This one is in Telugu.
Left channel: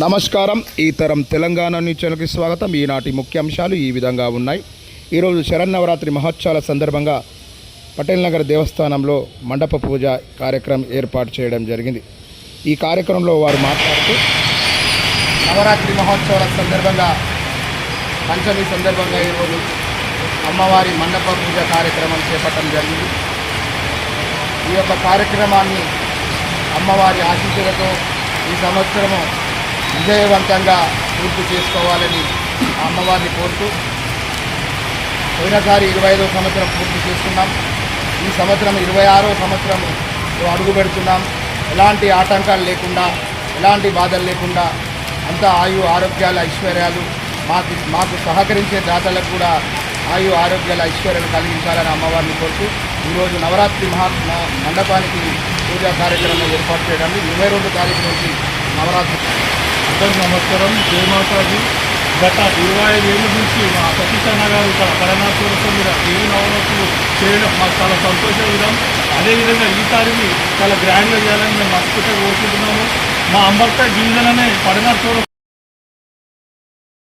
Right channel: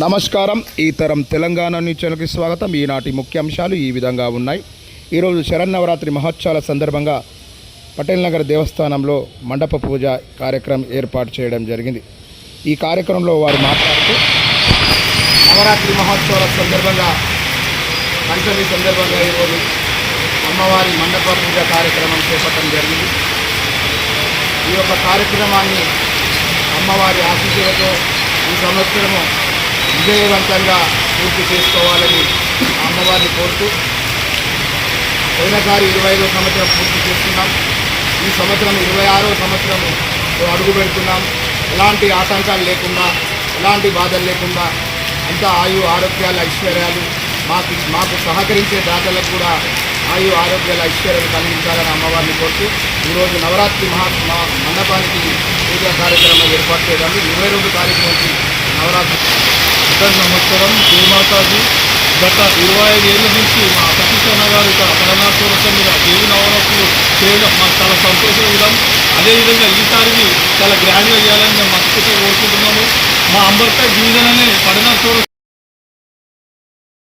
నమస్కారం. ఈ తరం తెలంగాణ న్యూస్ ఛానల్కి స్వాగతం. ఈనాటి ముఖ్యాంశాలు ఈ విధంగా ఉన్నాయి. ఈరోజు శరన్నవరాత్రి మహోత్సవాల సందర్భంగా పటేల్ నగర్ దేవస్థానంలో మండప పూజ కార్యక్రమం ఏర్పాటు చేయడం జరిగింది. ఈ కార్యక్రమంలో వారు మాట్లాడుతూ నవరాత్రి మహోత్సవాల సందర్భంగా పంచమి సందర్భంగా ఈరోజు అమ్మవారి మండప పూజ కార్యక్రమం చేపట్టడం జరిగింది. ఈ యొక్క కార్యక్రమాన్ని అమ్మవారి ఆశీస్సులతో ఈ సంవత్సరము విజయవంతంగా పూర్తి చేసుకోవాలని అమ్మవారిని కోరుతూ పోయినసారి ఇరవై ఐదో సంవత్సరం పూర్తి చేస్తున్నాం ఈ సంవత్సరం ఇరవై ఆరో సంవత్సరం అడుగు పెడుతున్నాం. ఎలాంటి ఆటంకాలు లేకుండా ఎలాంటి బాధలు లేకుండా అంతా ఆయు ఆరోగ్యాల ఐశ్వర్యాలు మాకు మాకు సహకరించే దాతలకు కూడా ఆయు ఆరోగ్యాల ఐశ్వర్యాలు కలిగించాలని అమ్మవారిని కోరుతూ ఈరోజు నవరాత్రి మహా మండపానికి పూజా కార్యక్రమం ఏర్పాటు చేయడానికి ఇరవై రెండు తారీఖు నుంచి నవరాత్రి అందరికీ నమస్కారం. జయమాతాజీ గత ఇరవై ఐదు ఏళ్ళ నుంచి మా సతీష్ గారు ఇక్కడ పరమాత్మరసం మీద దేవి నవరత్తులు చేయడం మాకు చాలా సంతోషం విధాం అదేవిధంగా ఈసారి చాలా గ్రాండ్గా చేయాలని మేము మనస్ఫూర్తిగా కోరుకుంటున్నాము. మా అంబర్పేట డివిజన్ అనే పడనార్